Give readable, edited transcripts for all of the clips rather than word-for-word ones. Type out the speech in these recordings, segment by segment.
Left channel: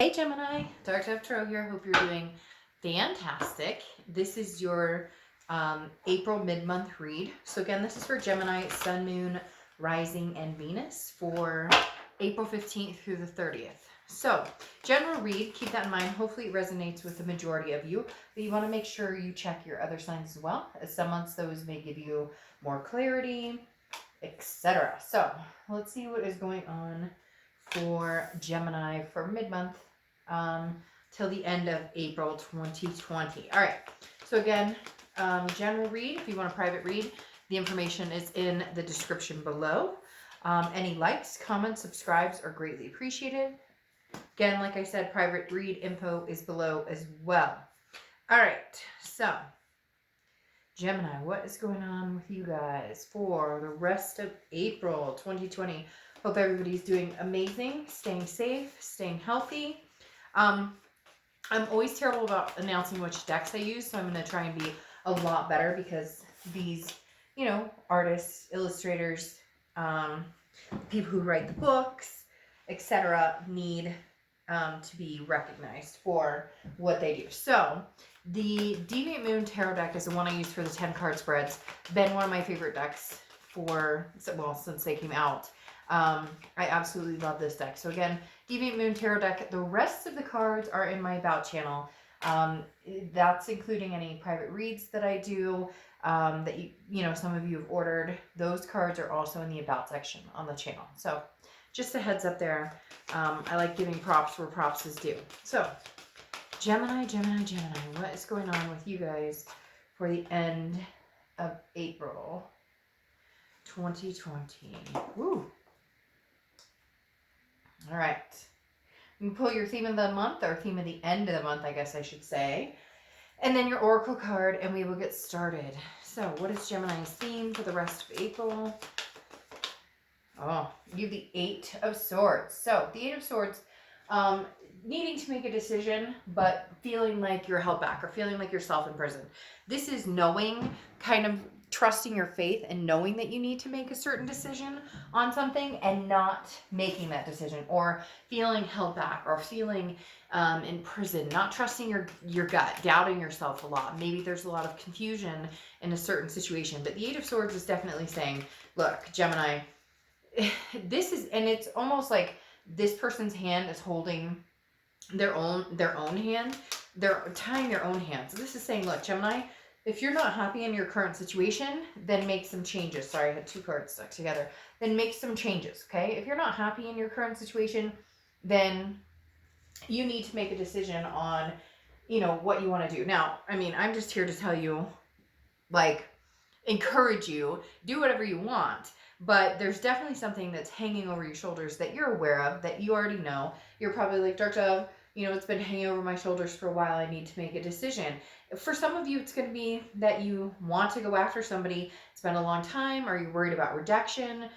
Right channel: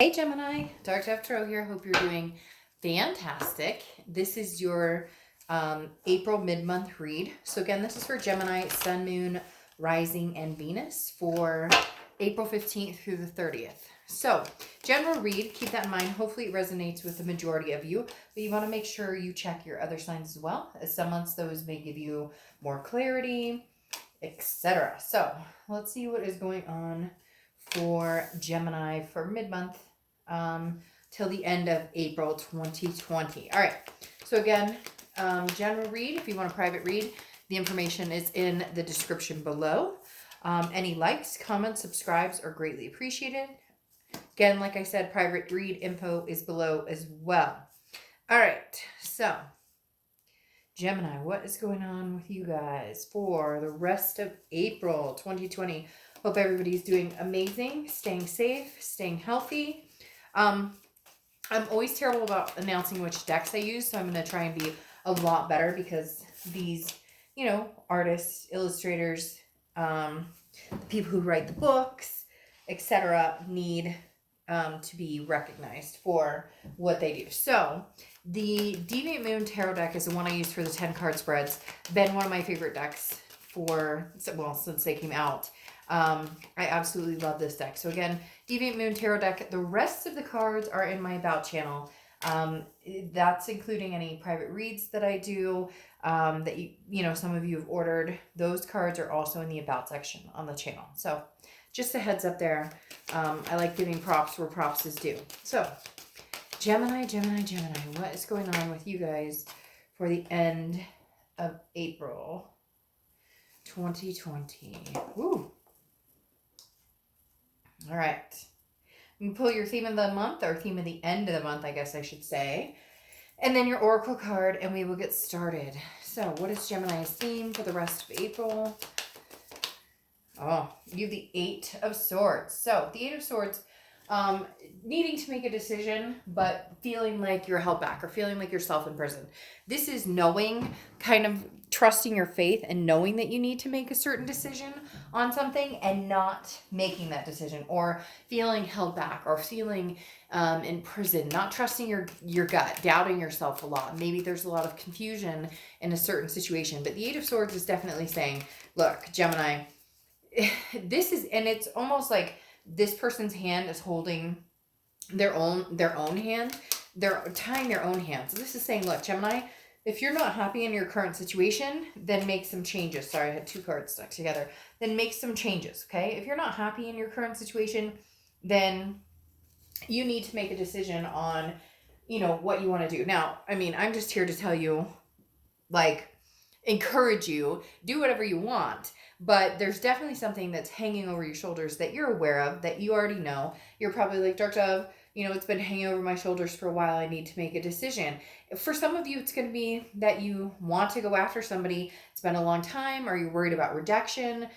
Hey Gemini, Dark Dove Tarot here. Hope you're doing fantastic. This is your April mid-month read. So again, this is for Gemini, Sun, Moon, Rising, and Venus for April 15th through the 30th. So general read, keep that in mind. Hopefully it resonates with the majority of you, but you want to make sure you check your other signs as well, as some months those may give you more clarity, etc. So let's see what is going on for Gemini for mid-month till the end of April 2020. All right. So again, general read. If you want a private read, the information is in the description below. Any likes, comments, subscribes are greatly appreciated. Again, like I said, private read info is below as well. All right. So Gemini, what is going on with you guys for the rest of April 2020? Hope everybody's doing amazing, staying safe, staying healthy. I'm always terrible about announcing which decks I use, so I'm going to try and be a lot better because these, artists, illustrators, the people who write the books, etc., need to be recognized for what they do. So the Deviant Moon Tarot deck is the one I use for the 10 card spreads. Been one of my favorite decks since they came out. I absolutely love this deck. So again, Deviant Moon Tarot deck. The rest of the cards are in my About channel. That's including any private reads that I do, that some of you have ordered. Those cards are also in the About section on the channel. So just a heads up there. I like giving props where props is due. So Gemini, what is going on with you guys for the end of April 2020? Woo! All right. You can pull your theme of the month, or theme of the end of the month, I guess I should say. And then your oracle card, and we will get started. So what is Gemini's theme for the rest of April? Oh, you have the Eight of Swords. So the Eight of Swords, needing to make a decision, but feeling like you're held back or feeling like you're self-imprisoned. This is knowing, kind of trusting your faith and knowing that you need to make a certain decision on something and not making that decision, or feeling held back or feeling in prison, not trusting your gut, doubting yourself a lot. Maybe there's a lot of confusion in a certain situation, but the Eight of Swords is definitely saying, look, Gemini, it's almost like this person's hand is holding their own hand. They're tying their own hands. So this is saying, look, Gemini, if you're not happy in your current situation, then make some changes. Sorry, I had two cards stuck together. Then make some changes, okay? If you're not happy in your current situation, then you need to make a decision on, what you want to do. Now, I'm just here to tell you, encourage you, do whatever you want. But there's definitely something that's hanging over your shoulders that you're aware of, that you already know. You're probably like, Dark Dove, it's been hanging over my shoulders for a while. I need to make a decision. For some of you, it's going to be that you want to go after somebody. It's been a long time, or you're worried about rejection,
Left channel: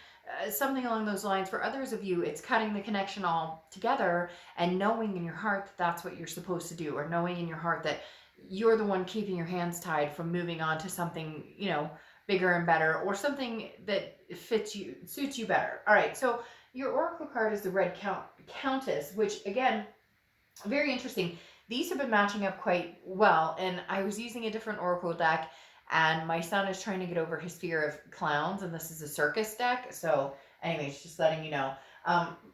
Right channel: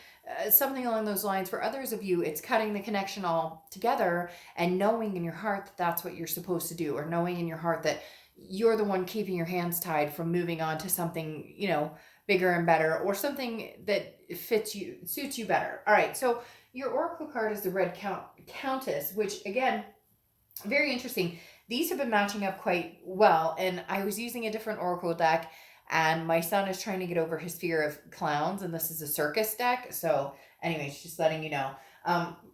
something along those lines. For others of you, it's cutting the connection all together and knowing in your heart that that's what you're supposed to do, or knowing in your heart that you're the one keeping your hands tied from moving on to something, bigger and better, or something that suits you better. All right, so your oracle card is the Red Countess, which again, very interesting. These have been matching up quite well, and I was using a different oracle deck, and my son is trying to get over his fear of clowns, and this is a circus deck. So anyways, just letting you know,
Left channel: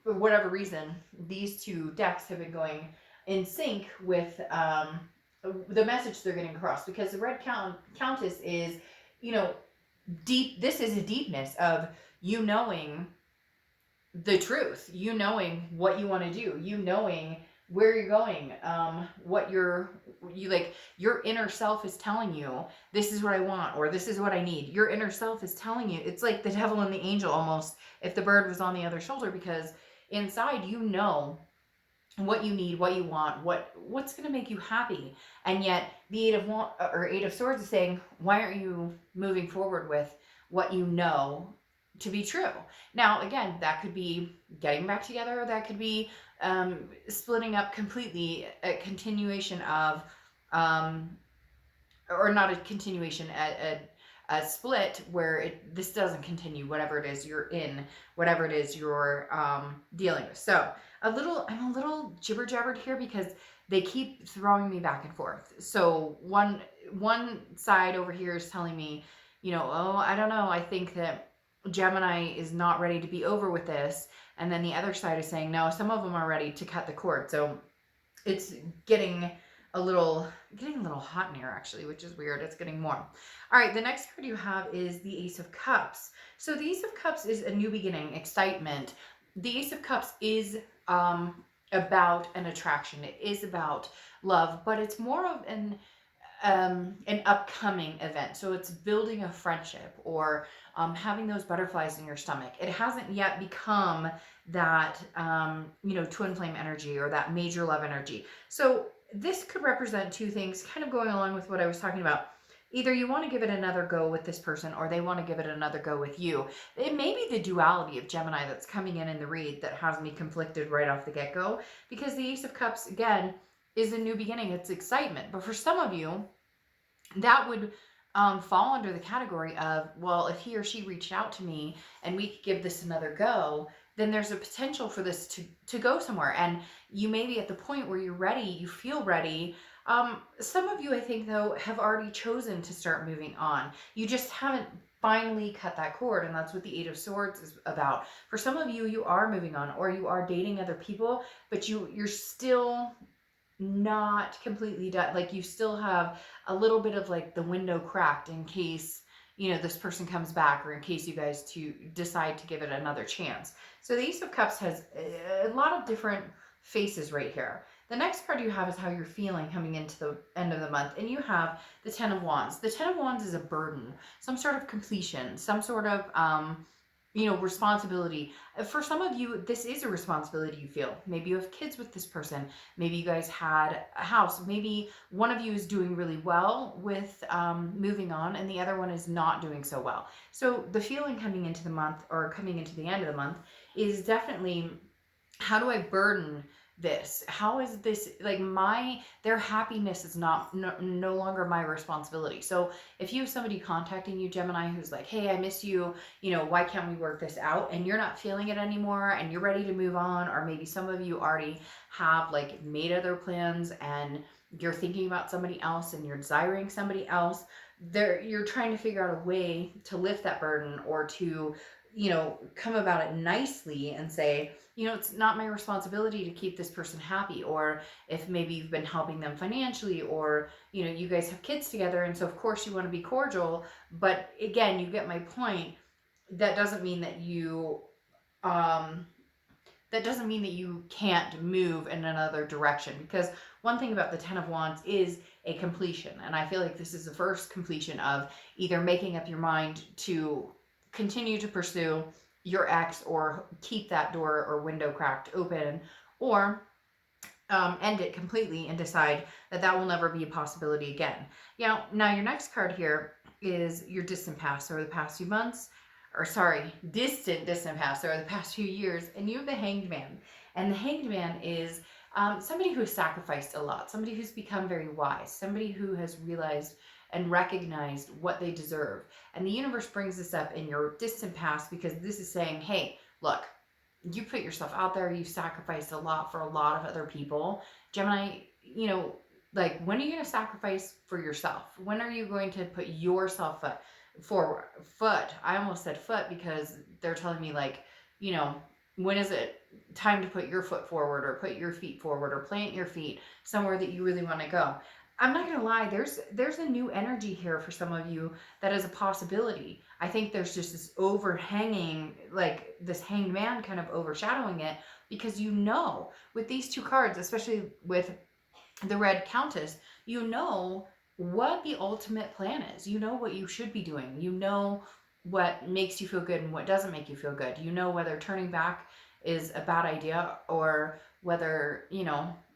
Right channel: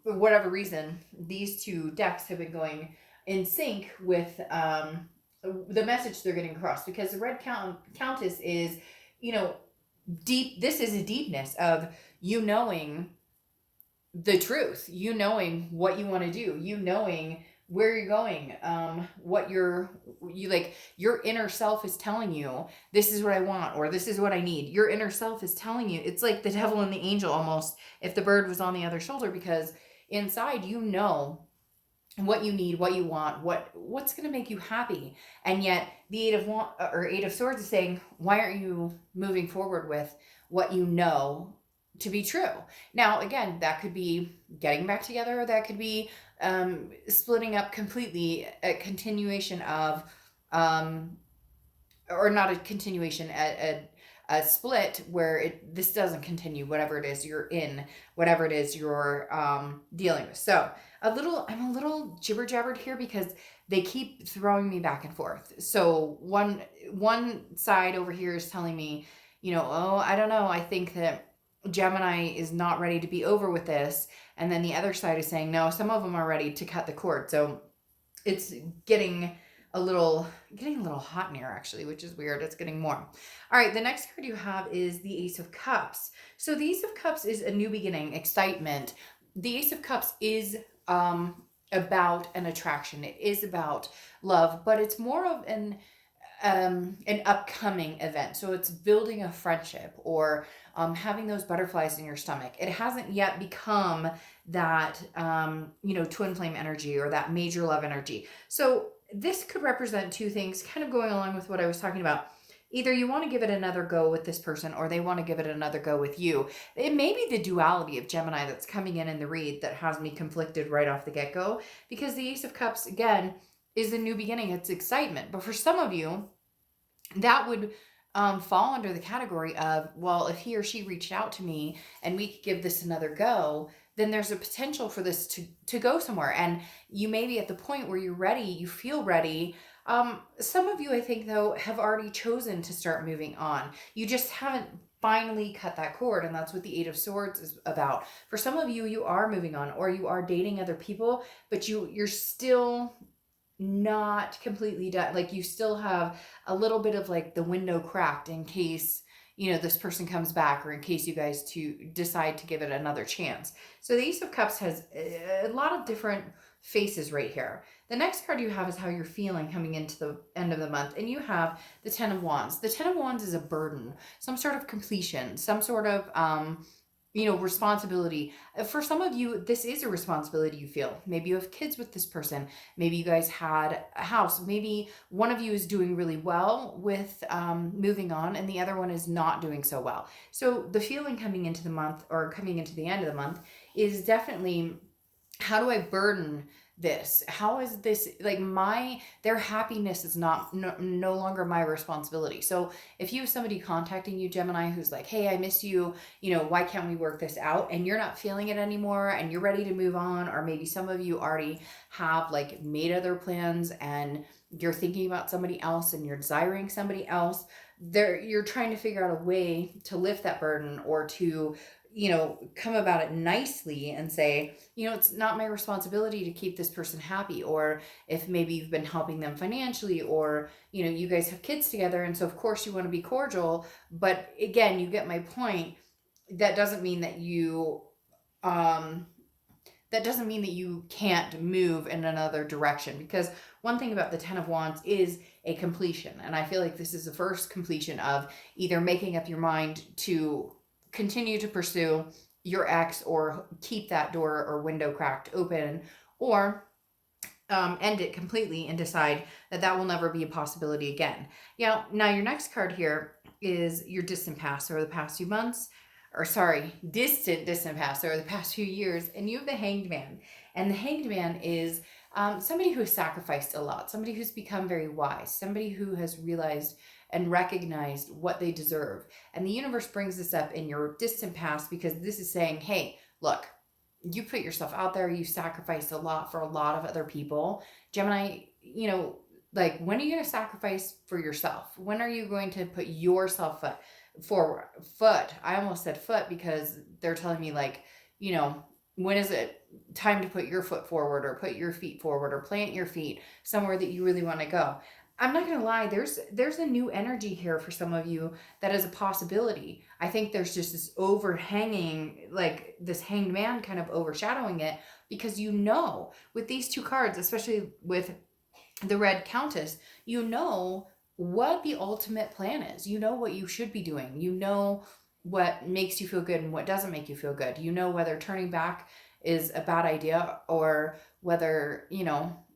for whatever reason, these two decks have been going in sync with the message they're getting across, because the Red Countess is, deep. This is a deepness of you knowing the truth, you knowing what you want to do, you knowing where you're going, what your inner self is telling you, this is what I want, or this is what I need. Your inner self is telling you. It's like the devil and the angel almost, if the bird was on the other shoulder, because inside what you need, what you want, what's going to make you happy. And yet the Eight of Swords is saying, why aren't you moving forward with what you know to be true? Now, again, that could be getting back together, or that could be splitting up completely, a continuation of, or not a continuation, a split where this doesn't continue, whatever it is you're in, whatever it is you're dealing with. So I'm a little jibber jabbered here because they keep throwing me back and forth. So one side over here is telling me, oh, I don't know, I think that Gemini is not ready to be over with this, and then the other side is saying no, some of them are ready to cut the cord. So it's getting a little hot in here actually, which is weird. It's getting warm. All right, the next card you have is the Ace of Cups. So the Ace of Cups is a new beginning, excitement. The Ace of Cups is about an attraction. It is about love, but it's more of an upcoming event. So it's building a friendship or having those butterflies in your stomach. It hasn't yet become that twin flame energy or that major love energy. So this could represent two things, kind of going along with what I was talking about. Either you want to give it another go with this person or they want to give it another go with you. It may be the duality of Gemini that's coming in the read that has me conflicted right off the get-go, because the Ace of Cups, again, is a new beginning. It's excitement. But for some of you, that would fall under the category of, well, if he or she reached out to me and we could give this another go, then there's a potential for this to go somewhere. And you may be at the point where you're ready, you feel ready. Some of you, I think, though, have already chosen to start moving on. You just haven't finally cut that cord, and that's what the Eight of Swords is about. For some of you, you are moving on, or you are dating other people, but you're still not completely done. Like, you still have a little bit of like the window cracked in case this person comes back, or in case you guys to decide to give it another chance. So the Ace of Cups has a lot of different faces right here. The next card you have is how you're feeling coming into the end of the month, and you have the Ten of Wands. The Ten of Wands is a burden, some sort of completion, some sort of responsibility. For some of you, this is a responsibility you feel. Maybe you have kids with this person. Maybe you guys had a house. Maybe one of you is doing really well with moving on, and the other one is not doing so well. So the feeling coming into the month, or coming into the end of the month, is definitely, how do I burden this? How is this, like, their happiness is no longer my responsibility. So if you have somebody contacting you, Gemini, who's like, hey, I miss you, why can't we work this out? And you're not feeling it anymore and you're ready to move on, or maybe some of you already have like made other plans and you're thinking about somebody else and you're desiring somebody else, you're trying to figure out a way to lift that burden, or to come about it nicely and say, it's not my responsibility to keep this person happy. Or if maybe you've been helping them financially, or, you guys have kids together, and so of course you want to be cordial. But again, you get my point. That doesn't mean that you can't move in another direction, because one thing about the Ten of Wands is a completion. And I feel like this is the first completion of either making up your mind to continue to pursue your ex, or keep that door or window cracked open, or end it completely and decide that will never be a possibility again. Now your next card here is your distant past, or the past few months, or sorry, distant past, or the past few years. And you have the Hanged Man. And the Hanged Man is somebody who has sacrificed a lot, somebody who's become very wise, somebody who has realized and recognized what they deserve. And the universe brings this up in your distant past, because this is saying, hey, look, you put yourself out there, you sacrificed a lot for a lot of other people. Gemini, like, when are you going to sacrifice for yourself? When are you going to put yourself foot? I almost said foot, because they're telling me, like, when is it time to put your foot forward, or put your feet forward, or plant your feet somewhere that you really want to go? I'm not going to lie, there's a new energy here for some of you that is a possibility. I think there's just this overhanging, like this Hanged Man kind of overshadowing it, because with these two cards, especially with the Red Countess, what the ultimate plan is. You know what you should be doing. You know what makes you feel good and what doesn't make you feel good. You know whether turning back is a bad idea, or whether,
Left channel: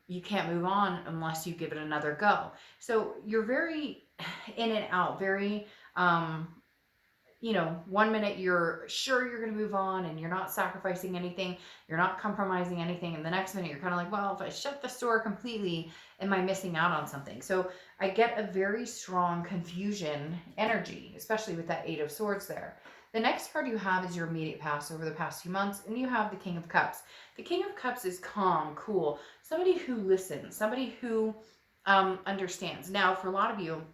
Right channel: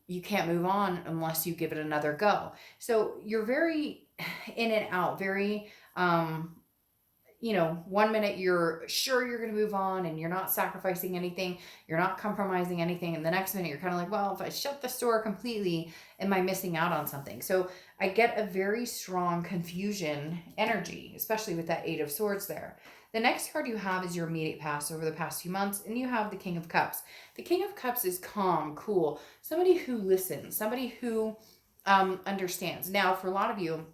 you can't move on unless you give it another go. So you're very in and out, very, 1 minute you're sure you're going to move on and you're not sacrificing anything, you're not compromising anything. And the next minute you're kind of like, well, if I shut the door completely, am I missing out on something? So I get a very strong confusion energy, especially with that Eight of Swords there. The next card you have is your immediate past over the past few months, and you have the King of Cups. The King of Cups is calm, cool, somebody who listens, somebody who understands. Now, for a lot of you,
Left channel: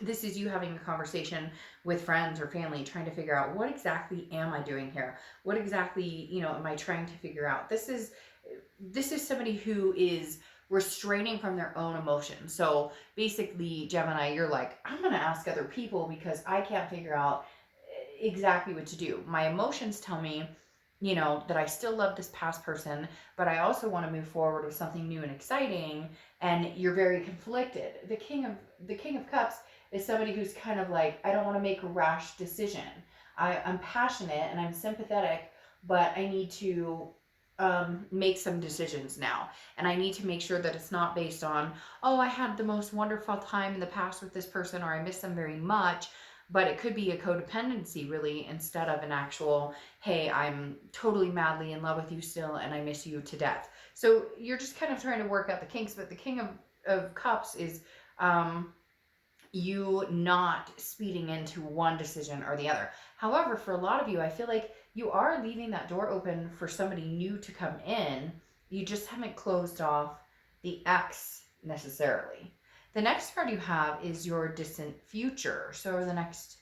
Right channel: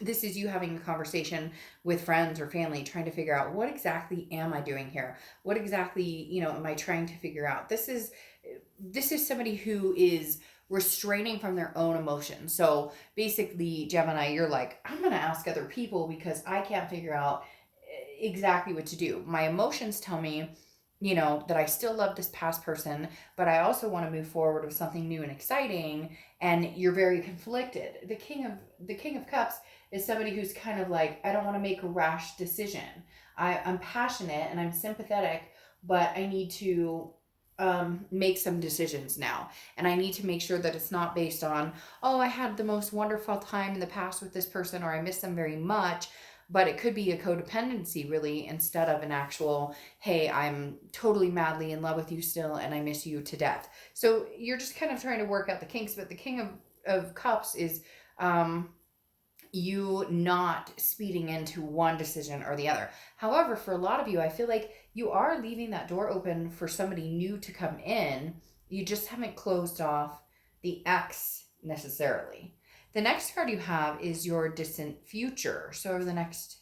this is you having a conversation with friends or family, trying to figure out, what exactly am I doing here? What exactly, am I trying to figure out? This is somebody who is restraining from their own emotions. So basically, Gemini, you're like, I'm going to ask other people because I can't figure out exactly what to do. My emotions tell me, that I still love this past person, but I also want to move forward with something new and exciting. And you're very conflicted. The King of Cups is somebody who's kind of like, I don't want to make a rash decision. I'm passionate and I'm sympathetic, but I need to make some decisions now. And I need to make sure that it's not based on, oh, I had the most wonderful time in the past with this person, or I miss them very much. But it could be a codependency, really, instead of an actual, hey, I'm totally madly in love with you still and I miss you to death. So you're just kind of trying to work out the kinks. But the King of Cups is you not speeding into one decision or the other. However, for a lot of you, I feel like you are leaving that door open for somebody new to come in. You just haven't closed off the X necessarily. The next card you have is your distant future. So over the next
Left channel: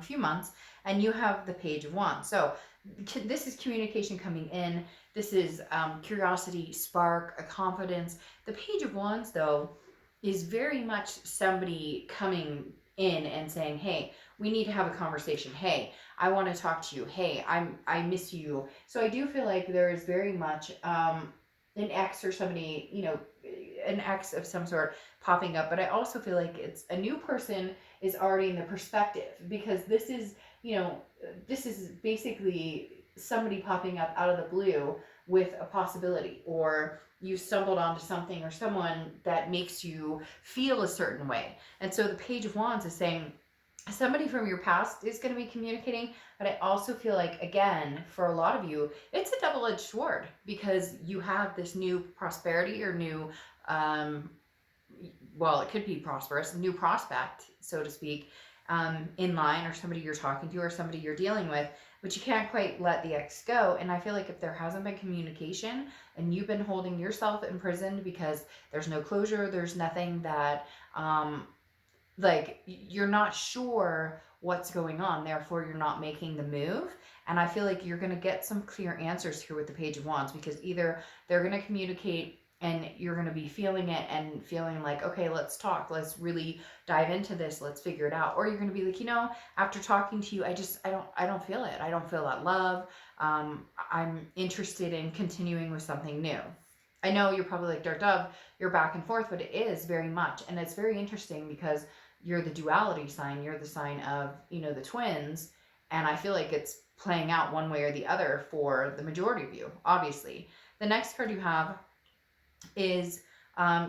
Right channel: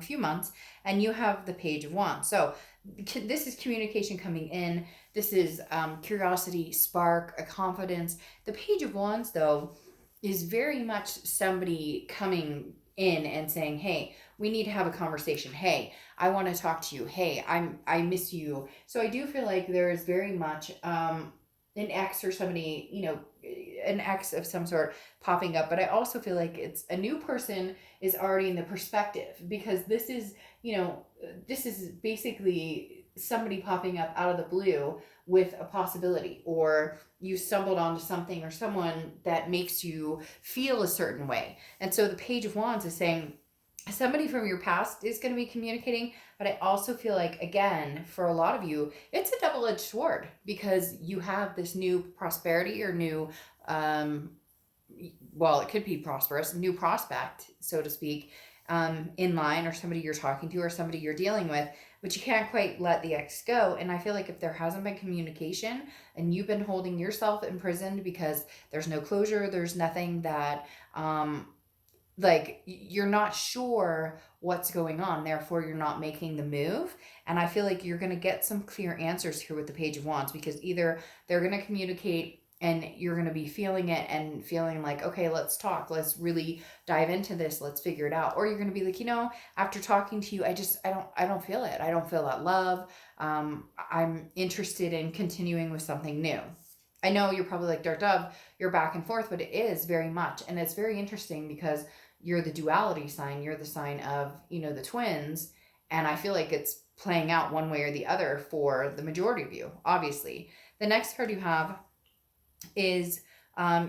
few months, and you have the Page of Wands. So this is communication coming in. This is curiosity, spark, a confidence. The Page of Wands, though, is very much somebody coming in and saying, hey, we need to have a conversation. Hey, I want to talk to you. Hey, I miss you. So I do feel like there is very much an ex or somebody, an ex of some sort popping up. But I also feel like it's a new person is already in the perspective, because this is basically somebody popping up out of the blue with a possibility, or you stumbled onto something or someone that makes you feel a certain way. And so the Page of Wands is saying somebody from your past is going to be communicating. But I also feel like, again, for a lot of you, it's a double-edged sword, because you have this new prosperity or new, it could be prosperous, new prospect, so to speak, in line, or somebody you're talking to or somebody you're dealing with, but you can't quite let the ex go. And I feel like if there hasn't been communication and you've been holding yourself imprisoned because there's no closure, there's nothing that, you're not sure what's going on, therefore you're not making the move. And I feel like you're going to get some clear answers here with the Page of Wands, because either they're going to communicate and you're going to be feeling it and feeling like, okay, let's talk, let's really dive into this, let's figure it out. Or you're going to be like, after talking to you, I don't feel it. I don't feel that love. I'm interested in continuing with something new. I know you're probably like, Dark Dove, you're back and forth, but it is very much. And it's very interesting because you're the duality sign. You're the sign of, the twins. And I feel like it's playing out one way or the other for the majority of you, obviously. The next card you have is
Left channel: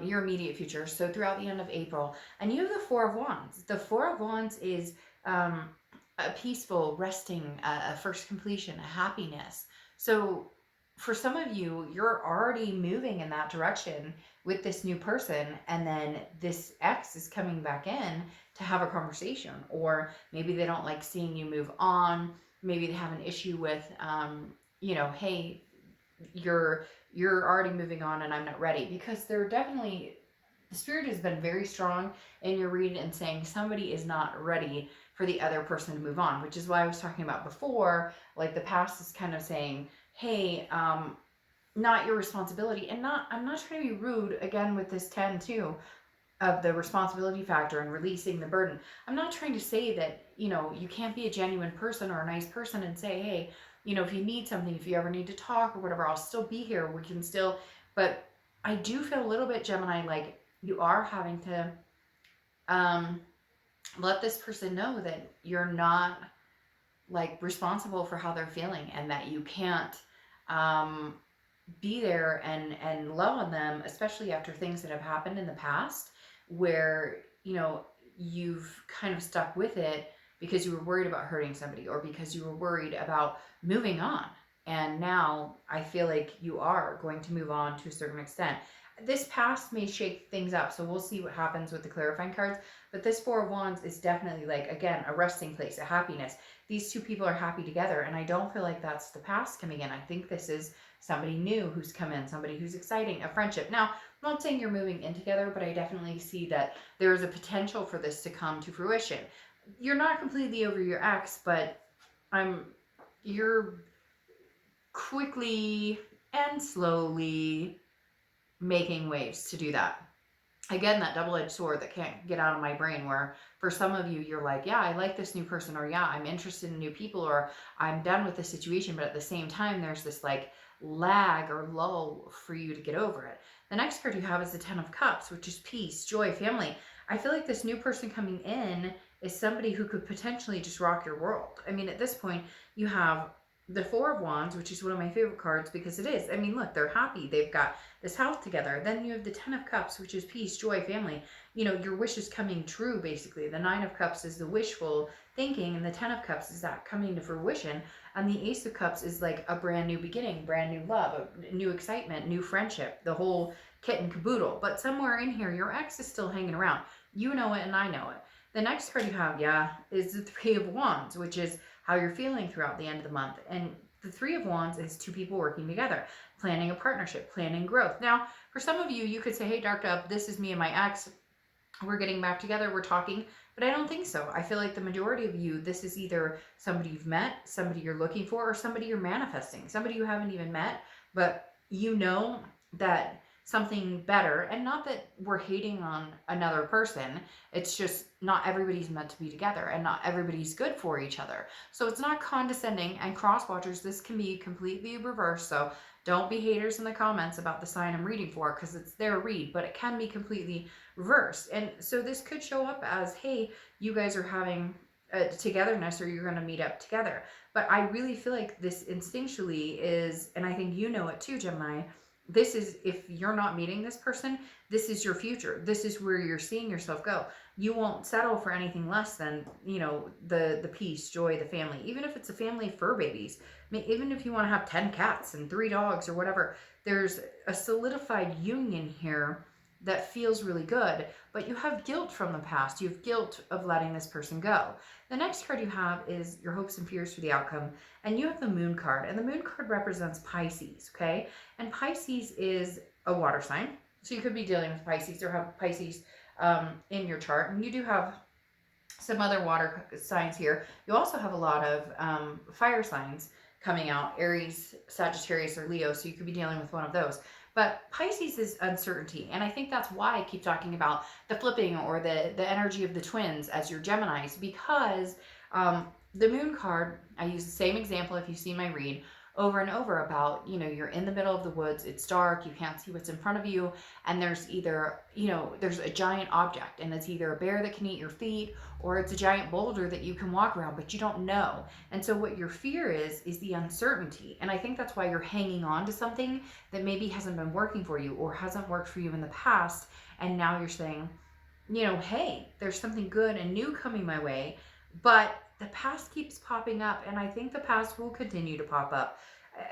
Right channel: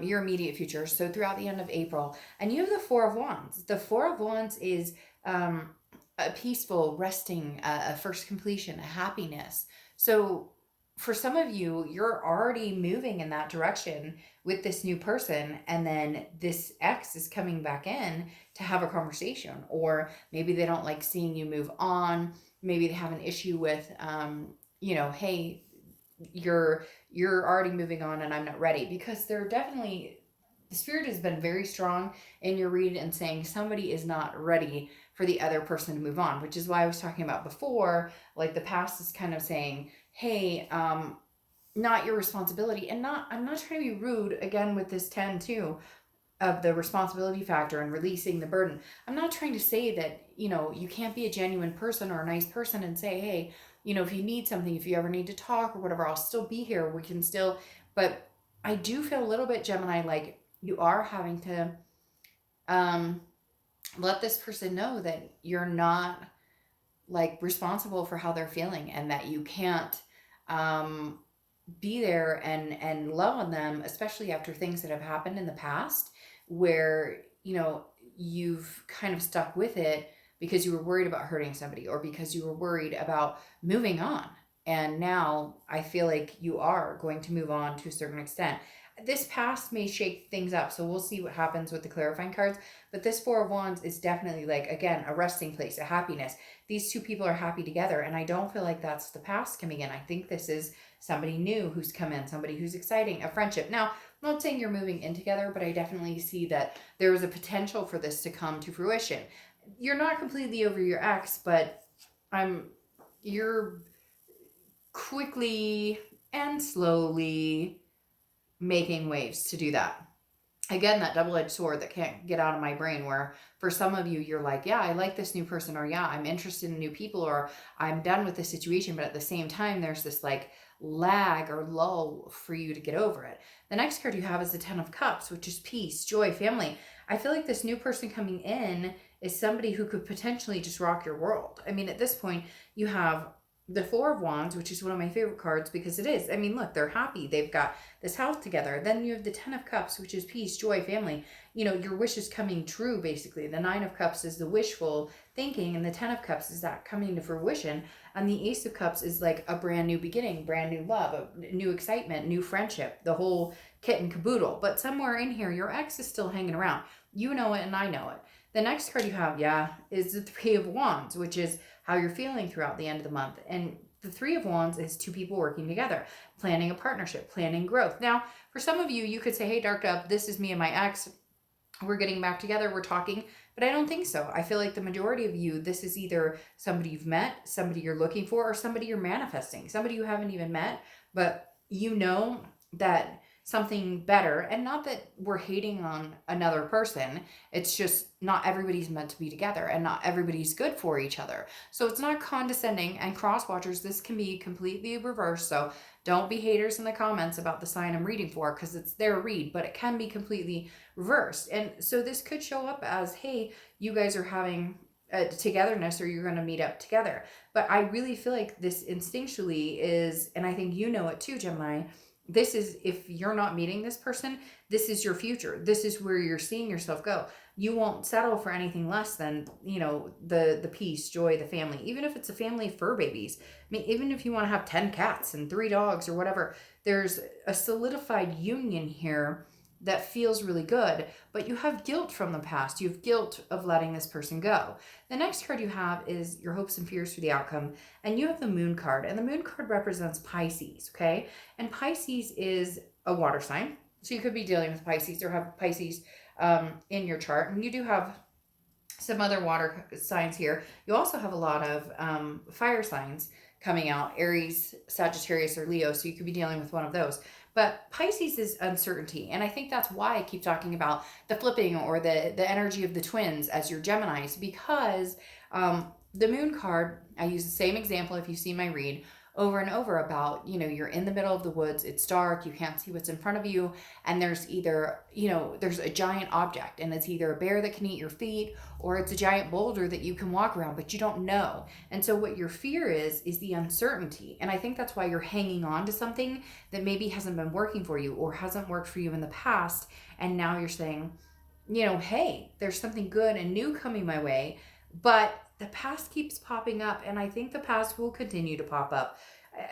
your immediate future. So throughout the end of April. And you have the Four of Wands. The Four of Wands is a peaceful, resting, a first completion, a happiness. So for some of you, you're already moving in that direction with this new person, and then this ex is coming back in to have a conversation, or maybe they don't like seeing you move on. Maybe they have an issue with, hey, you're already moving on and I'm not ready, because they're definitely, the spirit has been very strong in your read and saying somebody is not ready for the other person to move on, which is why I was talking about before, like the past is kind of saying, hey, not your responsibility. And I'm not trying to be rude again with this 10 too of the responsibility factor and releasing the burden. I'm not trying to say that, you can't be a genuine person or a nice person and say, hey, if you need something, if you ever need to talk or whatever, I'll still be here. We can still, but I do feel a little bit, Gemini, like you are having to let this person know that you're not like responsible for how they're feeling, and that you can't be there and love on them, especially after things that have happened in the past where, you've kind of stuck with it because you were worried about hurting somebody, or because you were worried about moving on. And now I feel like you are going to move on to a certain extent. this past may shake things up, so we'll see what happens with the clarifying cards. But this Four of Wands is definitely like, again, a resting place, a happiness. These two people are happy together, and I don't feel like that's the past coming in. I think this is somebody new who's come in, somebody who's exciting, a friendship. Now, I'm not saying you're moving in together, but I definitely see that there is a potential for this to come to fruition. You're not completely over your ex, but you're quickly and slowly making waves to do that. Again, that double-edged sword that can't get out of my brain, where for some of you, you're like, yeah, I like this new person, or yeah, I'm interested in new people, or I'm done with this situation. But at the same time, there's this like lag or lull for you to get over it. The next card you have is the Ten of Cups, which is peace, joy, family. I feel like this new person coming in is somebody who could potentially just rock your world. I mean, at this point, you have the Four of Wands, which is one of my favorite cards because it is. I mean, look, they're happy. They've got this house together. Then you have the Ten of Cups, which is peace, joy, family. You know, your wish is coming true, basically. The Nine of Cups is the wishful thinking, and the Ten of Cups is that coming to fruition. And the Ace of Cups is like a brand new beginning, brand new love, a new excitement, new friendship, the whole kit and caboodle. But somewhere in here, your ex is still hanging around. You know it, and I know it. The next card you have, is the Three of Wands, which is how you're feeling throughout the end of the month. And the Three of Wands is two people working together, planning a partnership, planning growth. Now, for some of you, you could say, hey, Dark Dove, this is me and my ex. We're getting back together, we're talking. But I don't think so. I feel like the majority of you, this is either somebody you've met, somebody you're looking for, or somebody you're manifesting, somebody you haven't even met, but you know that something better, and not that we're hating on another person, it's just not everybody's meant to be together and not everybody's good for each other. So it's not condescending, and cross watchers, this can be completely reversed, so don't be haters in the comments about the sign I'm reading for, because it's their read, but it can be completely reversed. And so this could show up as, hey, you guys are having a togetherness, or you're going to meet up together. But I really feel like this instinctually is, and I think you know it too, Gemini, this is, if you're not meeting this person, this is your future. This is where you're seeing yourself go. You won't settle for anything less than, you know, the peace, joy, the family. Even if it's a family of fur babies. I mean, even if you want to have 10 cats and 3 dogs or whatever, there's a solidified union here that feels really good, but you have guilt from the past. You have guilt of letting this person go. The next card you have is your hopes and fears for the outcome, and you have the Moon card, and the Moon card represents Pisces, okay? And Pisces is a water sign, so you could be dealing with Pisces or have Pisces in your chart, and you do have some other water signs here. You also have a lot of fire signs coming out, Aries, Sagittarius, or Leo, so you could be dealing with one of those. But Pisces is uncertainty, and I think that's why I keep talking about the flipping or the energy of the twins as your Geminis, because the Moon card, I use the same example if you see my read, over and over about, you know, you're in the middle of the woods, it's dark, you can't see what's in front of you, and there's either, you know, there's a giant object, and it's either a bear that can eat your feet, or it's a giant boulder that you can walk around, but you don't know. And so what your fear is the uncertainty. And I think that's why you're hanging on to something that maybe hasn't been working for you or hasn't worked for you in the past, and now you're saying, you know, hey, there's something good and new coming my way, but the past keeps popping up, and I think the past will continue to pop up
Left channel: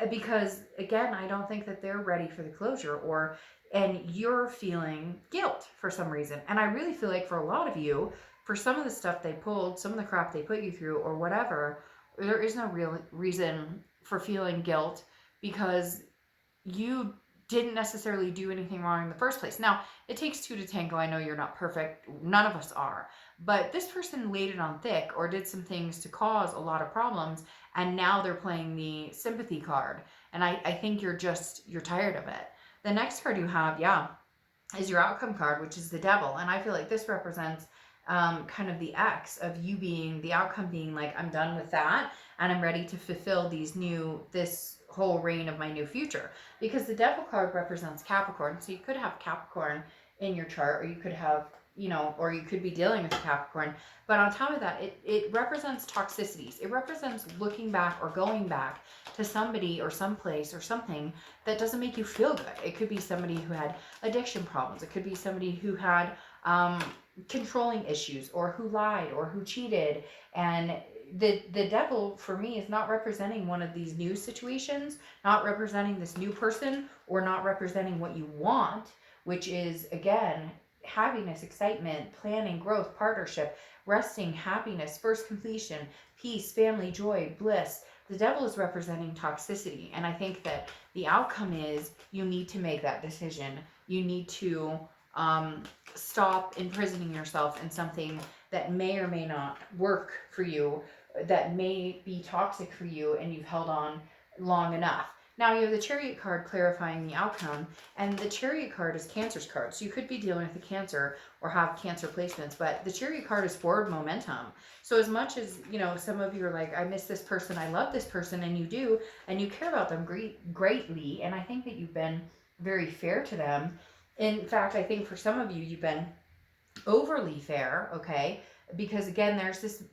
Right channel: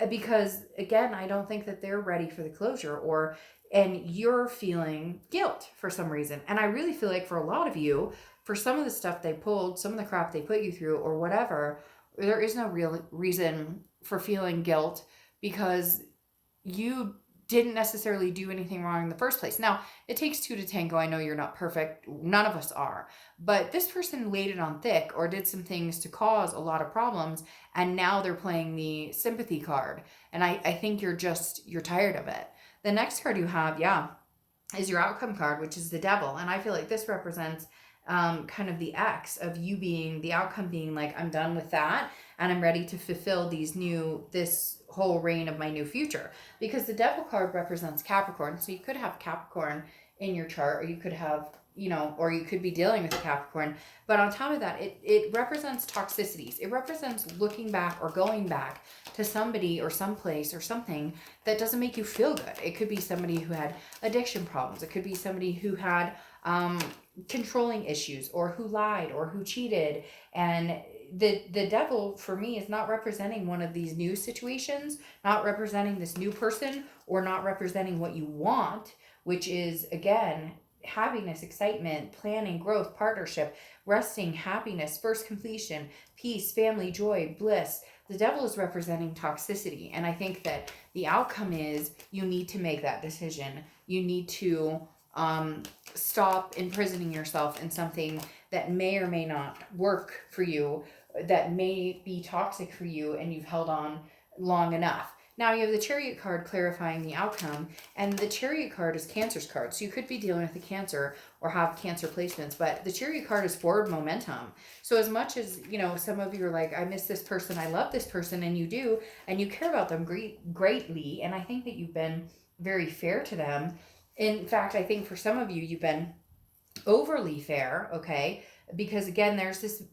because, again, I don't think that they're ready for the closure, and you're feeling guilt for some reason. And I really feel like for a lot of you, for some of the stuff they pulled, some of the crap they put you through or whatever, there is no real reason for feeling guilt because you didn't necessarily do anything wrong in the first place. Now, it takes two to tango. I know you're not perfect. None of us are. But this person laid it on thick or did some things to cause a lot of problems, and now they're playing the sympathy card. And I think you're tired of it. The next card you have, is your outcome card, which is the Devil. And I feel like this represents kind of the X of you being, the outcome being like, I'm done with that, and I'm ready to fulfill this whole reign of my new future. Because the Devil card represents Capricorn. So you could have Capricorn in your chart, or you could have, you know, or you could be dealing with a Capricorn. But on top of that, it represents toxicities. It represents looking back or going back to somebody or someplace or something that doesn't make you feel good. It could be somebody who had addiction problems. It could be somebody who had controlling issues, or who lied, or who cheated. And the Devil for me is not representing one of these new situations, not representing this new person, or not representing what you want. which is, again, happiness, excitement, planning, growth, partnership, resting, happiness, first completion, peace, family, joy, bliss. The devil is representing toxicity. And I think that the outcome is you need to make that decision. You need to stop imprisoning yourself in something that may or may not work for you, that may be toxic for you, and you've held on long enough. Now you have the Chariot card clarifying the outcome, and the Chariot card is Cancer's card. So you could be dealing with a Cancer or have Cancer placements, but the Chariot card is forward momentum. So as much as, some of you are like, I miss this person, I love this person, and you do, and you care about them greatly, and I think that you've been very fair to them. In fact, I think for some of you, you've been overly fair, okay? Because again,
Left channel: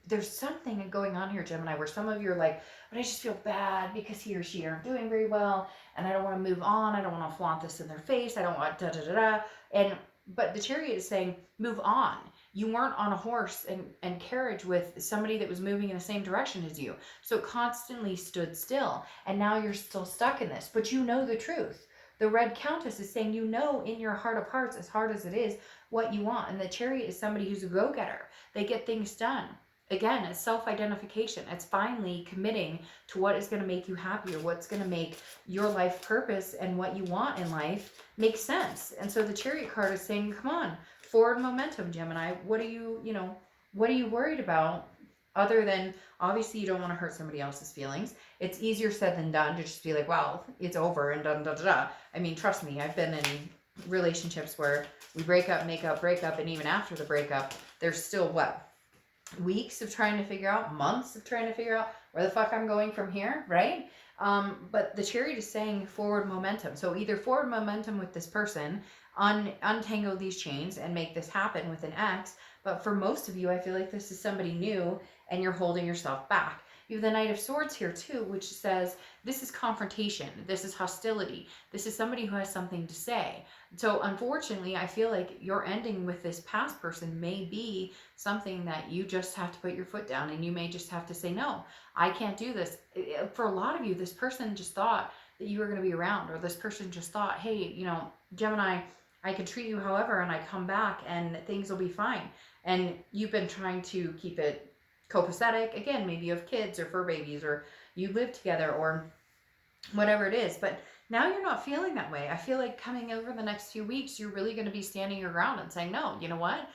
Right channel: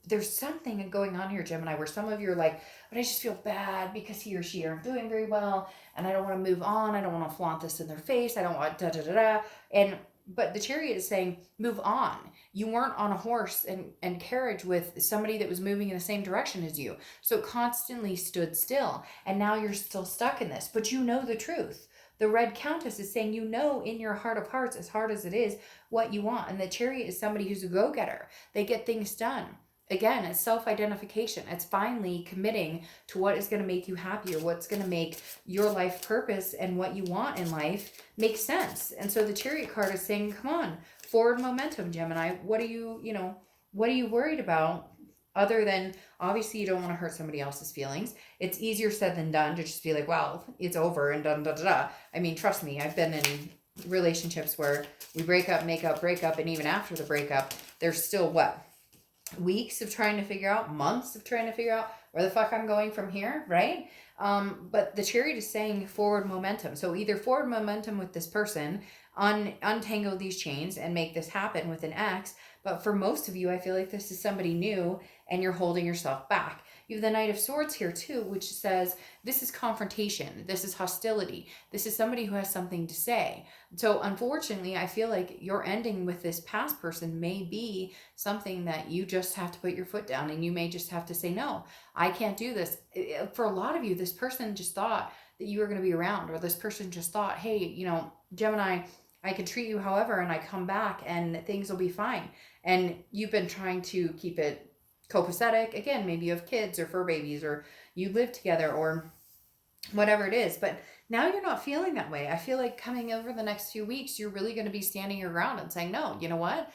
there's something going on here, Gemini, where some of you are like, but I just feel bad because he or she aren't doing very well, and I don't want to move on. I don't want to flaunt this in their face. I don't want da da da da. But the Chariot is saying, move on. You weren't on a horse and carriage with somebody that was moving in the same direction as you. So it constantly stood still. And now you're still stuck in this. But you know the truth. The Red Countess is saying, in your heart of hearts, as hard as it is, what you want. And the Chariot is somebody who's a go-getter. They get things done. Again, it's self-identification. It's finally committing to what is going to make you happier, what's going to make your life purpose and what you want in life make sense. And so the Chariot card is saying, come on, forward momentum, Gemini. What are you worried about? Other than, obviously, you don't want to hurt somebody else's feelings. It's easier said than done to just be like, well, it's over and da da da da. I mean, trust me, I've been in relationships where we break up, make up, break up, and even after the breakup, there's still weeks of trying to figure out, months of trying to figure out where the fuck I'm going from here, right? But the Chariot is saying forward momentum. So either forward momentum with this person, untangle these chains and make this happen with an X. But for most of you, I feel like this is somebody new and you're holding yourself back. You have the Knight of Swords here too, which says this is confrontation. This is hostility. This is somebody who has something to say. So unfortunately, I feel like your ending with this past person may be something that you just have to put your foot down, and you may just have to say, no, I can't do this. For a lot of you, this person just thought that you were going to be around, or this person just thought, hey, Gemini, I can treat you however, and I come back and things will be fine. And you've been trying to keep it copacetic. Again, maybe you have kids or fur babies, or you live together, or whatever it is. But now you're not feeling that way. I feel like coming over the next few weeks, you're really going to be standing your ground and saying, no, you know what?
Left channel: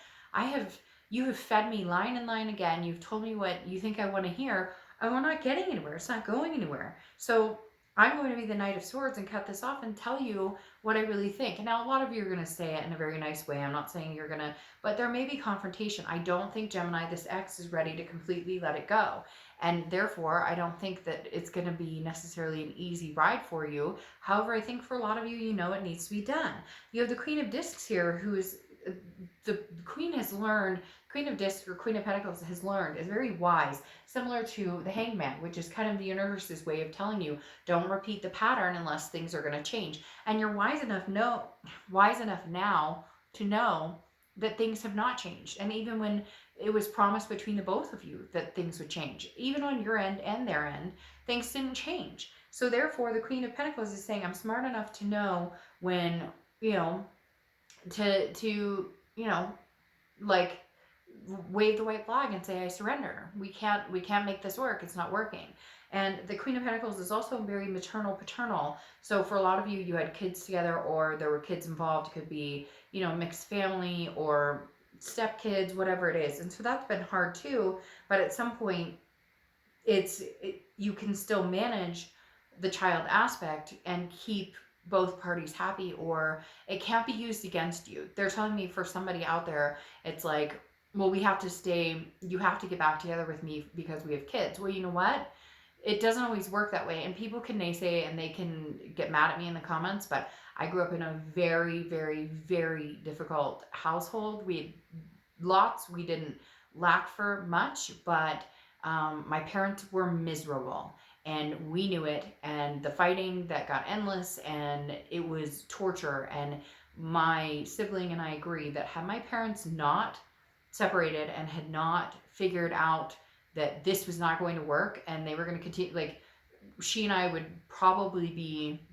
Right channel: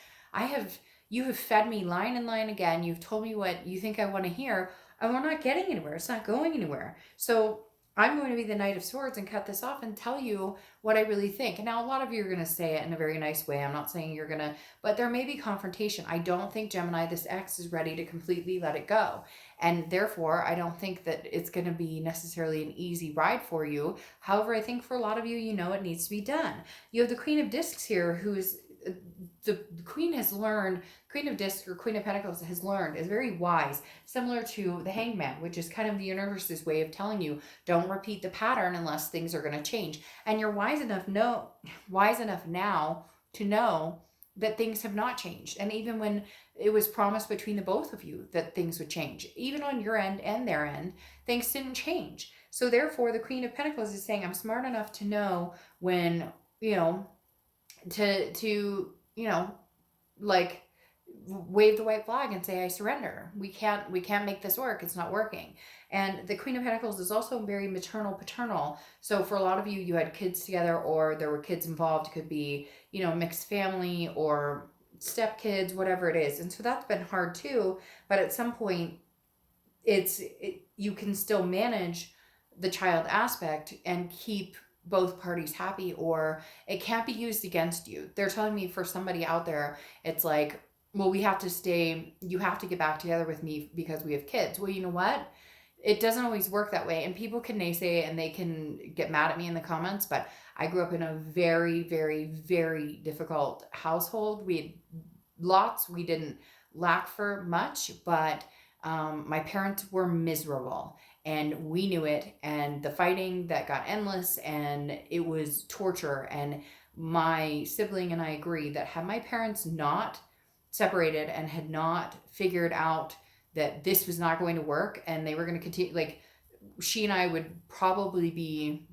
You have fed me line and line again. You've told me what you think I want to hear, and we're not getting anywhere. It's not going anywhere. So I'm going to be the Knight of Swords and cut this off and tell you what I really think. And now a lot of you are going to say it in a very nice way. I'm not saying you're going to, but there may be confrontation. I don't think, Gemini, this X is ready to completely let it go. And therefore, I don't think that it's going to be necessarily an easy ride for you. However, I think for a lot of you, it needs to be done. You have the Queen of Discs here, who is, the Queen has learned, Queen of Discs or Queen of Pentacles has learned, is very wise, similar to the Hangman, which is kind of the universe's way of telling you, don't repeat the pattern unless things are going to change. And you're wise enough now to know that things have not changed. And even when it was promised between the both of you that things would change, even on your end and their end, things didn't change. So therefore, the Queen of Pentacles is saying, I'm smart enough to know when, to like wave the white flag and say, I surrender. We can't make this work. It's not working. And the Queen of Pentacles is also very maternal, paternal. So for a lot of you, you had kids together, or there were kids involved. It could be, mixed family or stepkids, whatever it is. And so that's been hard too. But at some point, you can still manage the child aspect and keep both parties happy, or it can't be used against you. They're telling me for somebody out there, it's like, well, you have to get back together with me because we have kids. Well, you know what? It doesn't always work that way. And people can naysay and they can get mad at me in the comments, but I grew up in a very, very, very difficult household. We had lots. We didn't lack for much, but my parents were miserable. And we knew it, and the fighting that got endless, and it was torture. And my sibling and I agree that had my parents not separated and had not figured out that this was not going to work and they were going to continue, like, she and I would probably be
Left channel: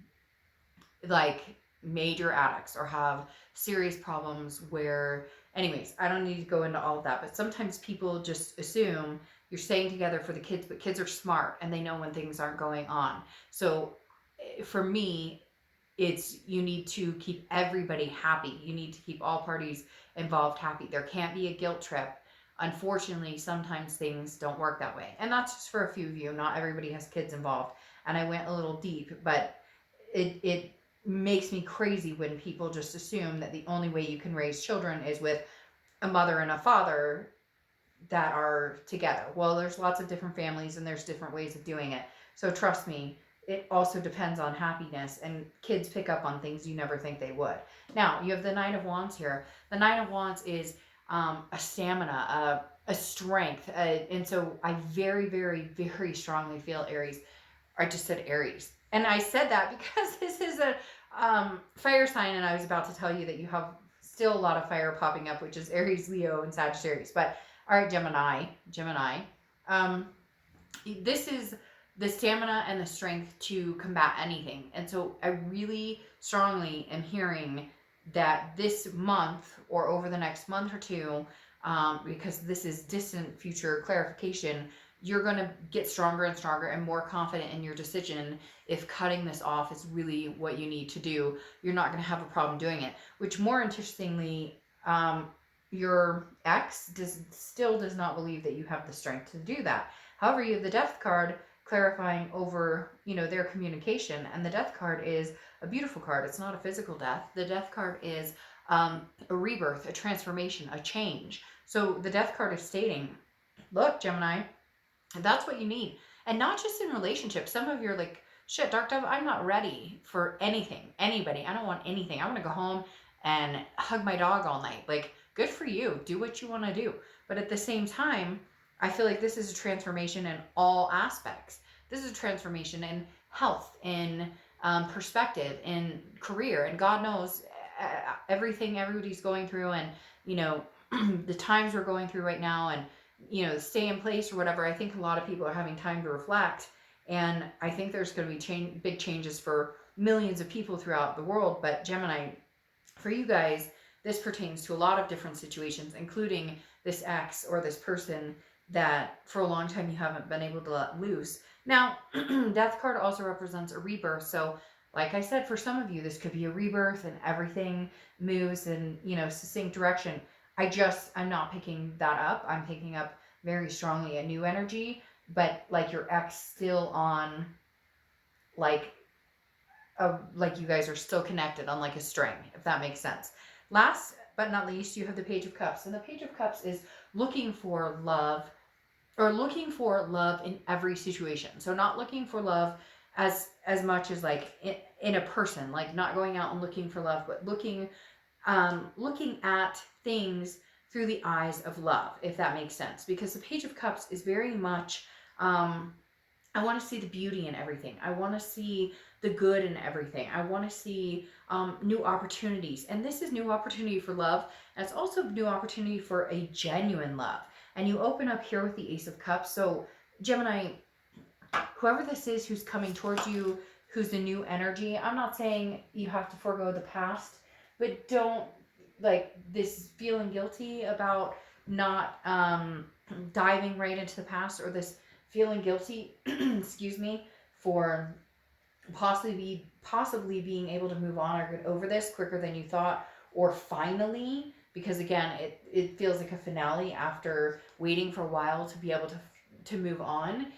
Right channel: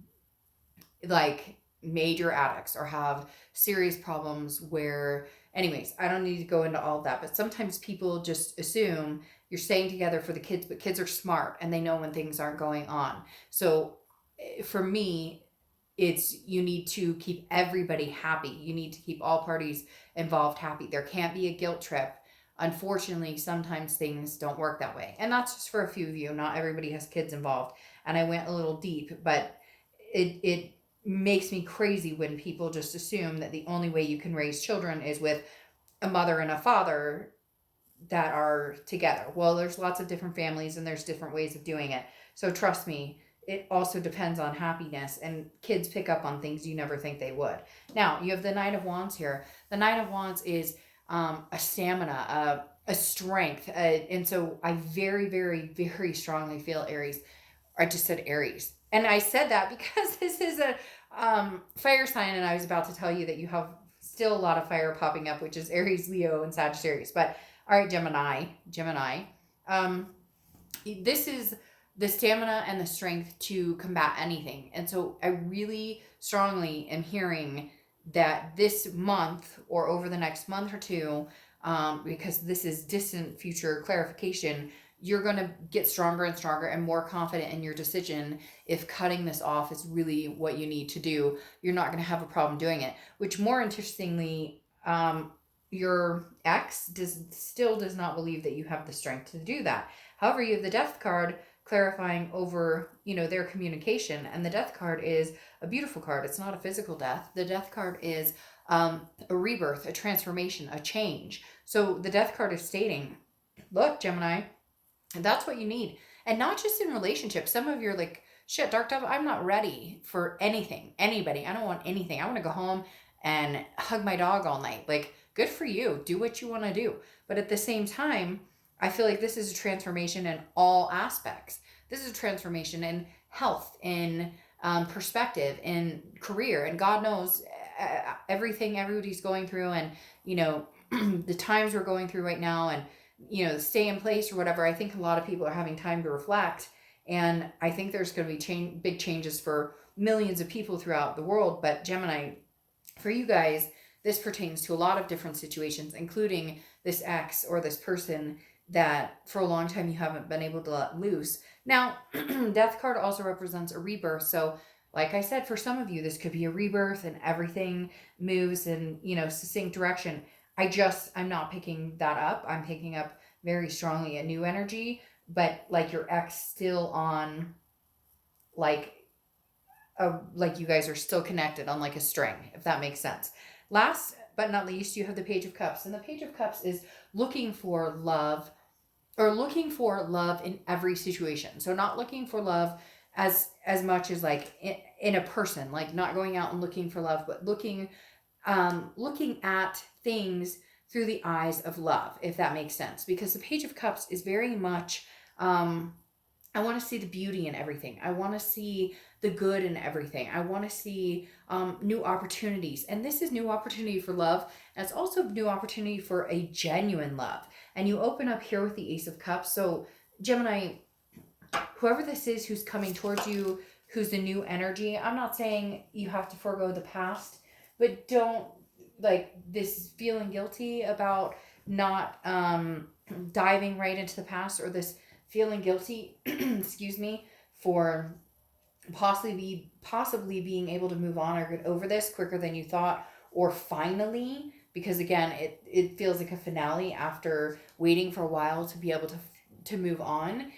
like major addicts or have serious problems where, anyways, I don't need to go into all of that, but sometimes people just assume you're staying together for the kids, but kids are smart and they know when things aren't going on. So for me, it's, you need to keep everybody happy. You need to keep all parties involved happy. There can't be a guilt trip. Unfortunately, sometimes things don't work that way. And that's just for a few of you. Not everybody has kids involved. And I went a little deep, but it makes me crazy when people just assume that the only way you can raise children is with a mother and a father that are together. Well, there's lots of different families and there's different ways of doing it. So trust me, it also depends on happiness, and kids pick up on things you never think they would. Now, you have the Knight of Wands here. The Knight of Wands is a stamina, a strength. And so I very, very, very strongly feel Aries. I just said Aries. And I said that because this is a fire sign, and I was about to tell you that you have still a lot of fire popping up, which is Aries, Leo, and Sagittarius. But all right, Gemini. This is the stamina and the strength to combat anything. And so I really strongly am hearing that this month or over the next month or two, because this is distant future clarification, you're going to get stronger and stronger and more confident in your decision. If cutting this off is really what you need to do, you're not going to have a problem doing it. Which, more interestingly, your ex still does not believe that you have the strength to do that. However, you have the Death card clarifying over, their communication. And the Death card is a beautiful card. It's not a physical death. The Death card is a rebirth, a transformation, a change. So the Death card is stating, look, Gemini, that's what you need. And not just in relationships. Some of you are like, shit, Dark Dove, I'm not ready for anything, anybody. I don't want anything. I want to go home and hug my dog all night. Like, good for you. Do what you want to do. But at the same time, I feel like this is a transformation in all aspects. This is a transformation in health, in perspective, in career. And God knows everything everybody's going through, and, the times we're going through right now, and, stay in place or whatever. I think a lot of people are having time to reflect. And I think there's going to be big changes for millions of people throughout the world. But Gemini, for you guys, this pertains to a lot of different situations, including this ex or this person that for a long time you haven't been able to let loose. Now, Death card also represents a rebirth. So, like I said, for some of you, this could be a rebirth and everything moves in, succinct direction. I'm not picking that up. I'm picking up very strongly a new energy, but like your ex still on, like you guys are still connected on like a string, if that makes sense. Last but not least, you have the Page of Cups. And the Page of Cups is looking for love, or looking for love in every situation. So not looking for love as much as like in a person, like not going out and looking for love, but looking at things through the eyes of love, if that makes sense. Because the Page of Cups is very much, I want to see the beauty in everything. I want to see the good in everything. I want to see new opportunities. And this is new opportunity for love. And it's also new opportunity for a genuine love. And you open up here with the Ace of Cups. So Gemini, whoever this is who's coming towards you, who's the new energy, I'm not saying you have to forego the past, but don't, like, this feeling guilty about not diving right into the past, or this feeling guilty, excuse me, for possibly being able to move on or get over this quicker than you thought, or finally, because again, it feels like a finale after waiting for a while to be able to move on.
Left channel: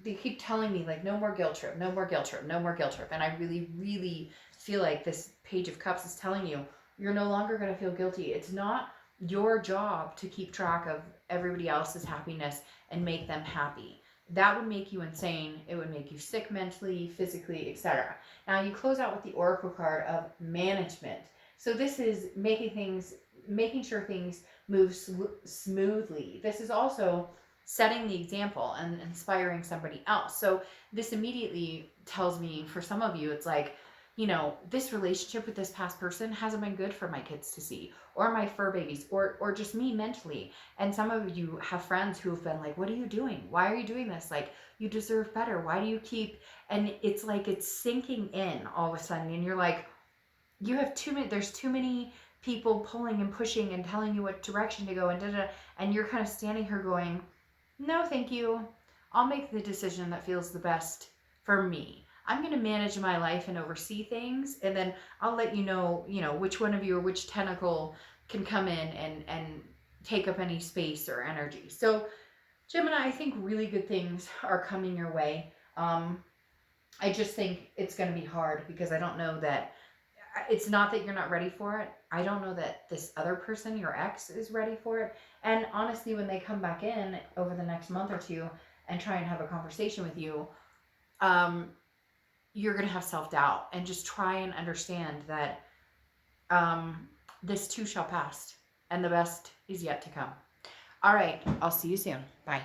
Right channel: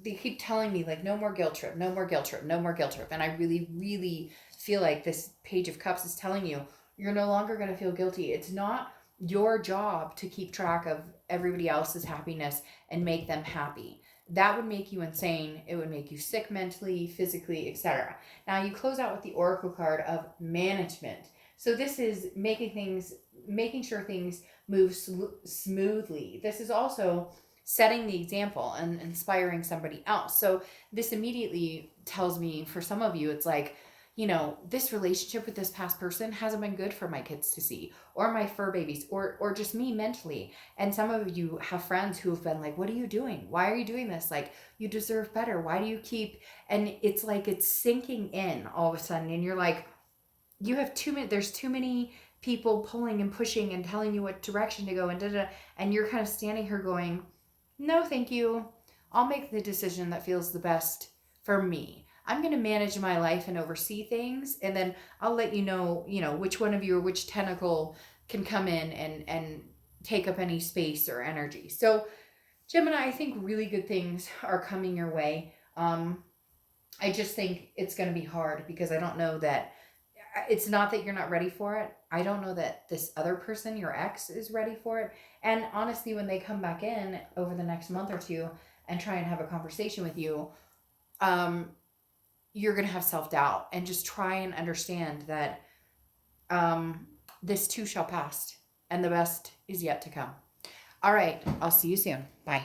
They keep telling me, like, no more guilt trip, no more guilt trip, no more guilt trip. And I really, really feel like this Page of Cups is telling you, you're no longer going to feel guilty. It's not your job to keep track of everybody else's happiness and make them happy. That would make you insane. It would make you sick mentally, physically, etc. Now you close out with the Oracle card of management. So this is making sure things move smoothly. This is also setting the example and inspiring somebody else. So this immediately tells me, for some of you, it's like, you know, this relationship with this past person hasn't been good for my kids to see, or my fur babies, or just me mentally. And some of you have friends who have been like, what are you doing? Why are you doing this? Like, you deserve better. Why do you keep, and it's like, it's sinking in all of a sudden. And you're like, you have too many, there's too many people pulling and pushing and telling you what direction to go, and da, da, and you're kind of standing here going, no, thank you. I'll make the decision that feels the best for me. I'm going to manage my life and oversee things, and then I'll let you know, which one of you or which tentacle can come in and take up any space or energy. So, Gemini, I think really good things are coming your way. I just think it's going to be hard because I don't know that it's not that you're not ready for it. I don't know that this other person, your ex, is ready for it. And honestly, when they come back in over the next month or two and try and have a conversation with you, you're going to have self-doubt, and just try and understand that this too shall pass, and the best is yet to come. All right. I'll see you soon. Bye.